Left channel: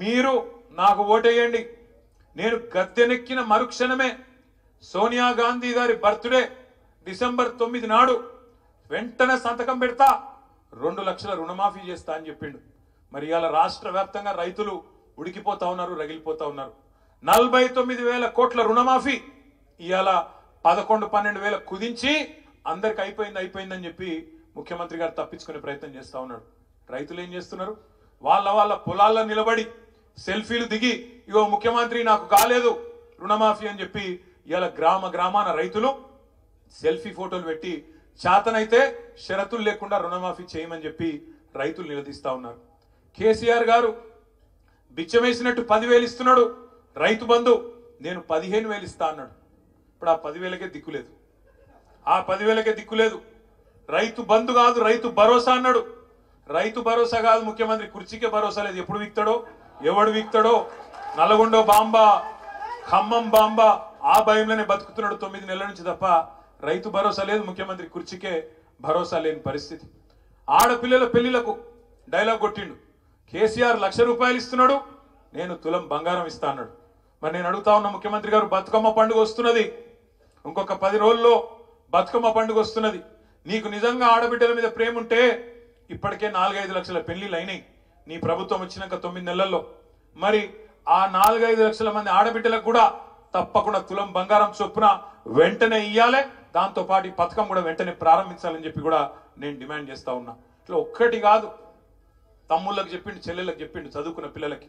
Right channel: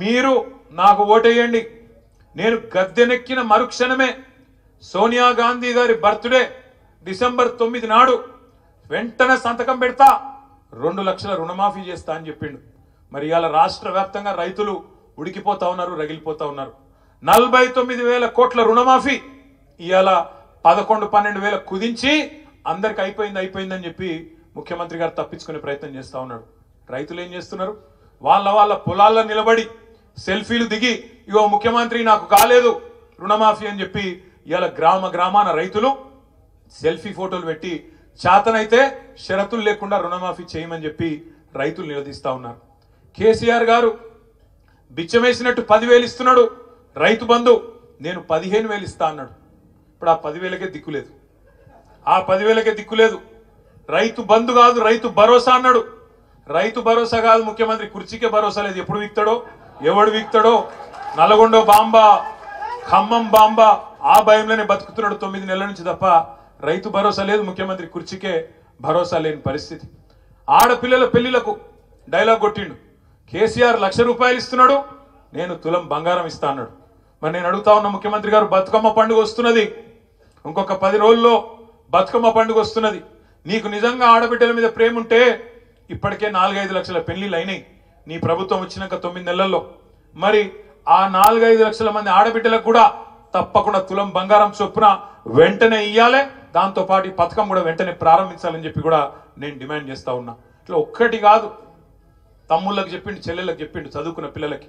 మీరు నాకు ఓటేయండి. నేను గద్దెనెక్కిన మరుక్షణమే సోనియా గాంధీ గారి బర్త్డే డిసెంబర్ 9 నాడు వెంటనే సంతకం పెడతా, 2 లక్షల రుణమాఫీ చేస్తా అని చెప్పిండు. మరి ఇవాళ రాష్ట్ర వ్యాప్తంగా రైతులు ఉడికిపోతా ఉన్నారు, రగిలిపోతా ఉన్నారు. 49,000 కోట్ల రుణమాఫీ ఇవాళ 11-12 వేల కుదించి అందరికి అయిపోయిందని చెప్పి ముఖ్యమంత్రి గారు తప్పించుకునే ప్రయత్నం చేస్తా ఉన్నాడు. రైతులు ఏం చేస్తున్నారు? వాళ్ళ పొలాల్లో నిలబడి సెల్ఫీలు దిగి ఇగో ముఖ్యమంత్రి నాకు కాలేదు రుణమాఫీ అని చెప్పి ఇవాళ గ్రామాన రైతులు సెల్ఫీ ఫోటోలు పెట్టి చేతనైతే షరతులు లేకుండా రుణమాఫీ చేయమని చెప్పి రైతులు నిలదీస్తా ఉన్నారు. కేసీఆర్ గారు బిచ్చమేసినట్టు 10,000 ఇస్తున్నాడు రైతు బంధు, నేను 15,000 ఇస్తా అన్నాడు. ఇప్పుడు ఆ 10,000కే దిక్కులేదు, ఆ 10,000కే దిక్కులేదు. రైతు బంధు కాదు రైతు భరోసా అన్నాడు. రైతు భరోసా కాదు, ముఖ్యమంత్రి కుర్చీకే భరోసా లేదు. ఎప్పుడు వీక్తాడో ఎవడు వీక్తాడో, నల్గొండ బాంబా ఖమ్మం బాంబా ఆ భయంలోనే బతుకుతున్నాడు 9 నెలల నుంచి తప్ప రైతు భరోసా లేదు. ముఖ్యమంత్రి కుర్చీకే భరోసా లేని పరిస్థితి. ఆడపిల్లల పెళ్లిలకు డైలాగ్ కొట్టిండు. కేసీఆర్ 1,00,000 రూపాయలు ఇస్తున్నాడు, నేను తులం బంగారం ఇస్తా అన్నాడు. మరి నేను అడుగుతా ఉన్న ముఖ్యమంత్రి గారు, బతుకమ్మ పండుగ వస్తున్నది, ఇంకొక 10 రోజుల్లో బతుకమ్మ పండుగ వస్తున్నది. నీకు నిజంగా ఆడబిడ్డల మీద ప్రేమ ఉంటే ఇప్పటికే 4-5 లక్షల పెళ్లిళ్ళు అయినాయి నీ ప్రభుత్వం వచ్చినాక 9 నెలల్లో. మరి ఆ 4-5 లక్షల మంది ఆడబిడ్డలకు కూడా తప్పకుండా తులం బంగారం చొప్పున వెంటనే ఇయ్యాలి. దాంతో పాటు ఈ పథకం కూడా వెంటనే ప్రారంభించాలని చెప్పి కూడా నేను డిమాండ్ చేస్తా ఉన్నా. ఇట్లా ఒక్కటి కాదు, తమ్ముళ్ళకి చెప్పిండు, చెల్లెళ్ళకి చెప్పిండు, చదువుకున్న పిల్లలకి.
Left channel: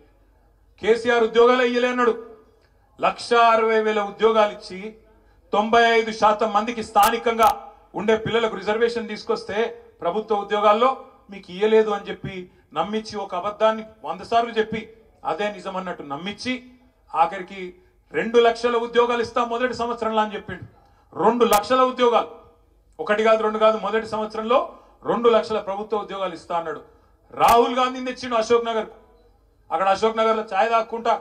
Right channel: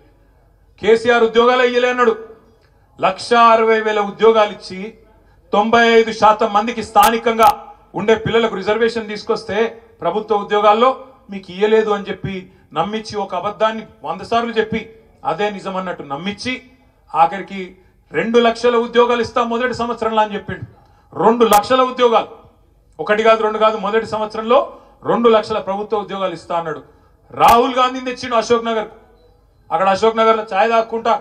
కేసీఆర్ ఉద్యోగాలు ఇయ్యలే అన్నాడు. 1,60,000 ఉద్యోగాలు ఇచ్చి 95% మందికి స్థానికంగా ఉండే పిల్లలకు రిజర్వేషన్ తీసుకొస్తే ప్రభుత్వ ఉద్యోగాల్లో మీకు ఇయ్యలేదు అని చెప్పి నమ్మించి, ఒక అబద్ధాన్ని 100 సార్లు చెప్పి అదే నిజం అన్నట్టు నమ్మించి ఆఖరికి 2 లక్షల ఉద్యోగాలు ఇస్తాం మొదటి సంవత్సరంలో అని చెప్పిండు. 2 లక్షల ఉద్యోగాలు, 1 కాదు 2 కాదు, మొదటి సంవత్సరంలో 2 లక్షల ప్రభుత్వ ఉద్యోగాలు ఇస్తా అన్నాడు. రాహుల్ గాంధీని తెచ్చిండు అశోక్ నగర్. అక్కడ అశోక్ నగర్లో ఛాయ్ తాక్కుంటా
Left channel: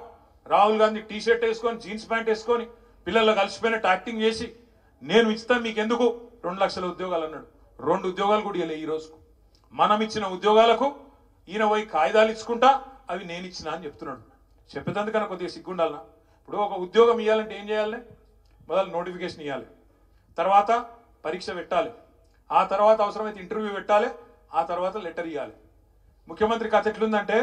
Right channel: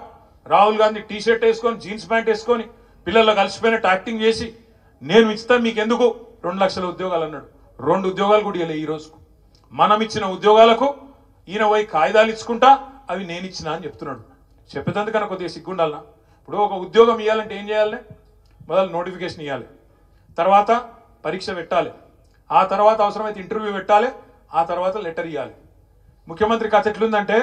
రాహుల్ గాంధీ టీ షర్ట్ వేసుకొని జీన్స్ ప్యాంట్ వేసుకొని పిల్లల్లో కలిసిపోయినట్టు యాక్టింగ్ చేసి నేను ఇస్తా మీకు ఎందుకు 2 లక్షల ఉద్యోగాలు అన్నాడు. 2 ఉద్యోగాలు కూడా ఇవ్వలే. ఈ రోజుకు మనం ఇచ్చిన ఉద్యోగాలకు ఈయన పోయి కాగితాలు ఇచ్చుకుంటా అవి నేను ఇచ్చిన అని చెప్తున్నాడు. చెప్పేందుకన్నా కొద్దిగా సిగ్గుండాలనా? ఇప్పుడు ఒక ఉద్యోగం ఇవ్వాలంటే ఏం చేయాలి? మొదలు నోటిఫికేషన్ ఇవ్వాలి, తర్వాత పరీక్ష పెట్టాలి, ఆ తర్వాత అవసరమైతే ఇంటర్వ్యూ పెట్టాలి, ఆ తర్వాత లెటర్ ఇవ్వాలి. ముఖ్యమంత్రి కథ ఎట్లుందంటే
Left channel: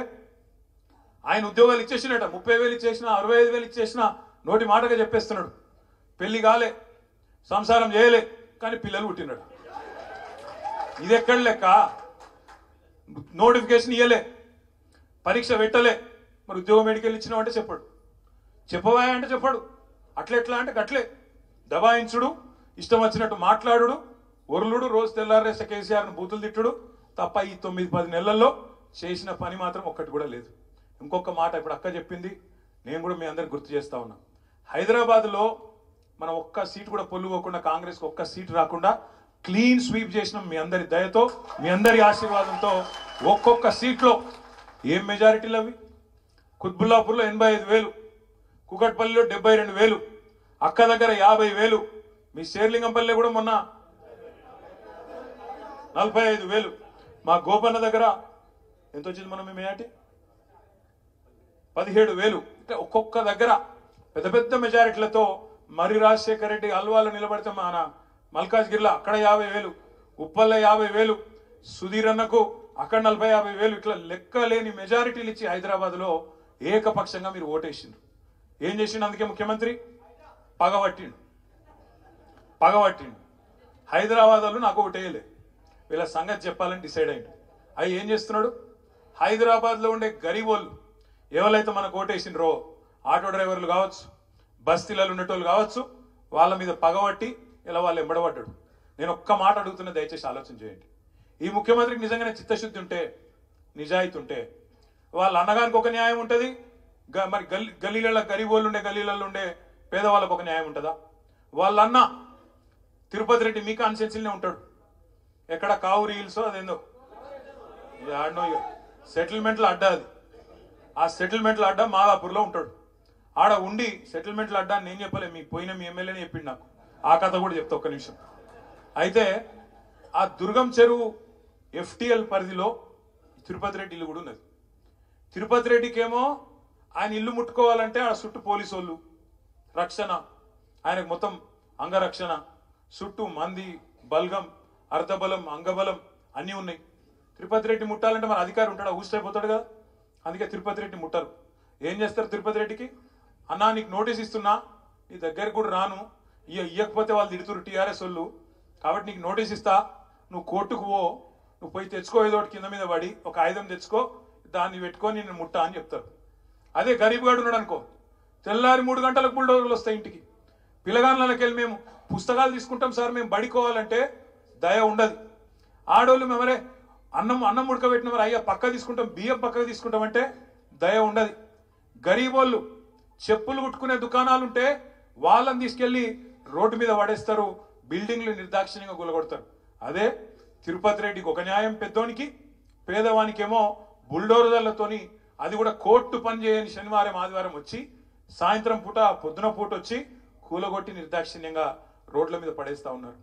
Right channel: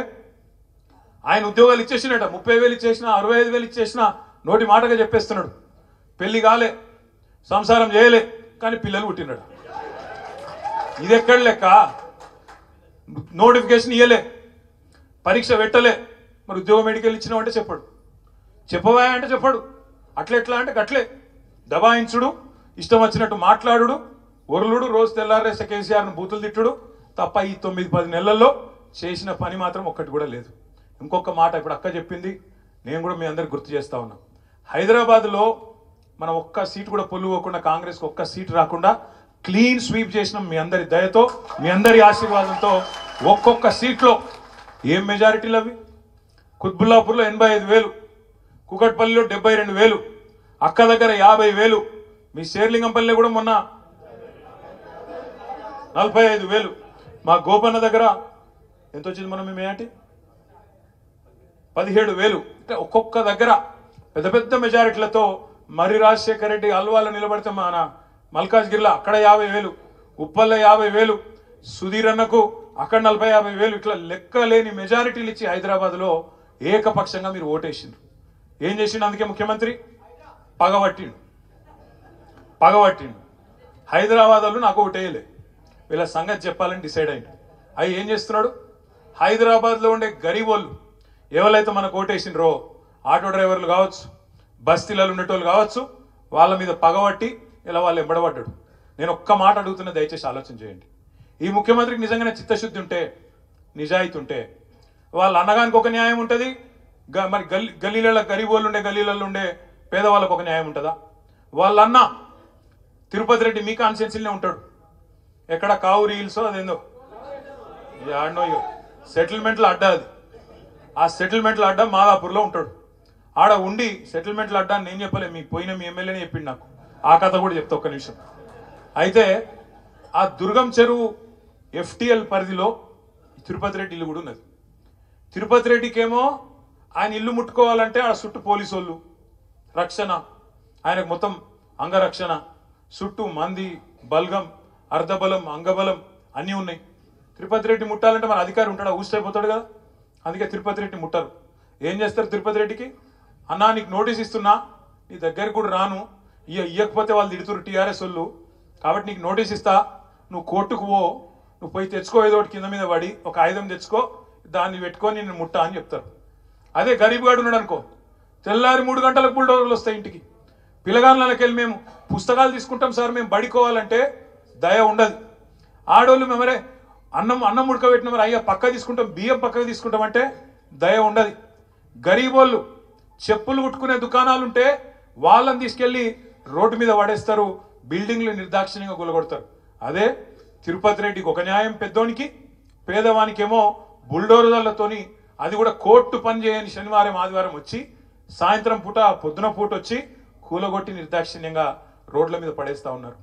ఆయన ఉద్యోగాలు ఇచ్చేసినట, 30,000 ఇచ్చేసినా 65,000 ఇచ్చేసినా నోటి మాటగా చెప్పేస్తున్నాడు. పెళ్లి కాలే, సంసారం చేయలే, కానీ పిల్లలు పుట్టినట. ఇది ఎక్కడ లెక్క? నోటిఫికేషన్ ఇవ్వలే, పరీక్ష పెట్టలే, మరి ఉద్యోగం ఎడికెళ్ళి ఇచ్చినావు అంటే చెప్పాడు, చెప్పవా అంటే చెప్పాడు. అట్లెట్లా అంటే అట్లే దబాయించుడు, ఇష్టం వచ్చినట్టు మాట్లాడుడు, ఒరులుడు, రోజు తెల్లారేసే కేసీఆర్ను బూతులు తిట్టుడు తప్ప ఈ 9-10 నెలల్లో చేసిన పని మాత్రం ఒక్కటి కూడా లేదు. ఇంకొక మాట ఇప్పుడు అక్క చెప్పింది, నేను కూడా మీ అందరికి గుర్తు చేస్తా ఉన్నా. హైదరాబాద్లో మనం ఒక్క సీటు కూడా పొల్లుకోకుండా, కాంగ్రెస్కి ఒక్క సీటు రాకుండా క్లీన్ స్వీప్ చేసినాం. మీ అందరి దయతో, మీ అందరి ఆశీర్వాదంతో ఒక్కొక్క సీట్లో ఏం మెజారిటీలు అవి? కుత్బుల్లాపూర్లో 85,000, కుకట్పల్లిలో 72,000, అక్క దగ్గర 50,000, మీ శేర్లింగంపల్లిలో కూడా మొన్న 45,000, మా గోపన్న దగ్గర ఎంత వచ్చింది మనం మేటి 17,000. అంటే ఒక్కొక్క దగ్గర పెద్ద పెద్ద మెజారిటీలతో మర్రి రాజశేఖర రెడ్డి అల్వాలో నిలబడితే మన మల్కాజ్గిరిలో అక్కడ 50,000, ఉప్పల్లో 50,000, సుధీర్ అన్నకు అక్కడ 40-50,000, ఇట్లా లెక్కలేని మెజారిటీలు ఇచ్చి హైదరాబాద్లో ఏకపక్షంగా మీరు ఓటేసిండ్రు. ఏం చేసిండు? అందుకే ముఖ్యమంత్రి పగబట్టిండు. హైదరాబాద్ వాళ్ళు నాకు ఓటేయలే, వీళ్ళ సంగతి చెప్పాలని డిసైడ్ అయింది. అవి ఏం చేస్తున్నాడు? హైదరాబాద్లో ఉండే గరీబ్ వాళ్ళు ఎవరైతే మనకు ఓటేసిండ్రో, ఆటో డ్రైవర్లు కావచ్చు, బస్తీలలో ఉండేటోళ్ళు కావచ్చు, వాళ్ళ మీద పగబట్టి ఇలా వాళ్ళు ఎంబడబడ్డాడు. నేను ఒక్క మాట అడుగుతున్నా, దయచేసి ఆలోచన చేయండి. ఈ ముఖ్యమంత్రికి నిజంగానే చిత్తశుద్ధి ఉంటే, నిజాయితీ ఉంటే, వాళ్ళ అన్నగానికి ఒక న్యాయం ఉంటుంది, మరి గల్లీలలో గరీబ్ వాళ్ళు ఉండే గల్లీలలో ఉండే పేదవాళ్ళకు ఒక న్యాయం ఉంటుందా? వాళ్ళ అన్న తిరుపతి రెడ్డి మీ కాన్స్టిట్యున్సీలోనే ఉంటాడు, ఎక్కడ కావురి హిల్స్ అదేందో ఆడనో సెటిల్మెంట్ల అడ్డా, అది ఆ సెటిల్మెంట్ల అడ్డా మాదాపూర్లో ఉంటాడు. ఆడ ఉండి సెటిల్మెంట్ల అడ్డా నేను చెప్పలే, మీకు పోయిన మీ ఎమ్మెల్యేనే చెప్పిండు నాకు. ఆ కథ కూడా చెప్తా ఒక్క నిమిషం. అయితే ఆ దుర్గం చెరువు FTL పరిధిలో తిరుపతి రెడ్డి ఇల్లు కూడా ఉన్నది. తిరుపతి రెడ్డికేమో ఆయన ఇల్లు ముట్టుకోవాలంటే ఆడ చుట్టూ పోలీసు వాళ్ళు రక్షణ, ఆయనకు మొత్తం అంగరక్షణ, చుట్టూ మంది, బల్గం, అర్ధబలం, అంగబలం అన్నీ ఉన్నాయి. తిరుపతి రెడ్డి ముట్టాలంటే మన అధికారి ఉంటాడా? ఊసిపోతాడు కదా. అందుకే తిరుపతి రెడ్డి ముట్టరు. ఏం చేస్తారు తిరుపతి రెడ్డికి? అన్నా నీకు నోటీస్ ఇస్తున్నా, నీ దగ్గరికి కూడా రాను, ఇయ్యకపోతే వాళ్ళు తిడుతురు టీఆర్ఎస్ వాళ్ళు, కాబట్టి నీకు నోటీస్ ఇస్తా, నువ్వు కోర్టుకు పో, నువ్వు పోయి తెచ్చుకో, ఏదో ఒకటి కింద మీద పడి ఒక ఆయుధం తెచ్చుకో, దాన్ని పెట్టుకొని నేను ముట్టా అని చెప్తారు. అదే గరీబ్ గాడు ఉన్నాడు అనుకో, తెల్లారి 3 గంటలకు బుల్డోజర్లు వస్తాయి ఇంటికి. పిల్లగాళ్ళకి వెళ్ళి మేము పుస్తకాలు తీసుకుంటాం సార్, మేము బడికోవాలంటే దయ ఉండదు. ఆడోళ్ళు మేమరే అన్నం ఉడకబెట్టిన మరి అయ్యా పక్క తీసుకుంటాం, బియ్యం పక్కకు తీసుకుంటాం అంటే దయ ఉండదు. గరీబోళ్ళు చెప్పులు కుట్టుకునే దుకాణాలుంటే వాళ్ళని తీసుకెళ్లి రోడ్డు మీద పడేస్తారు, బిల్డింగ్లు నిర్దాక్షిణ్యంగా గులగొడతారు. అదే తిరుపతి రెడ్డికి ఒక న్యాయం పెద్దోనికి, పేదవానికేమో బుల్డోజర్లతోని, అది కూడా కోర్టు పని చేయని శనివారం ఆదివారం వచ్చి సాయంత్రం పూట పొద్దున పూట వచ్చి కూలగొట్టి నిర్దాక్షిణ్యంగా రోడ్ల మీద పడేస్తా ఉన్నారు.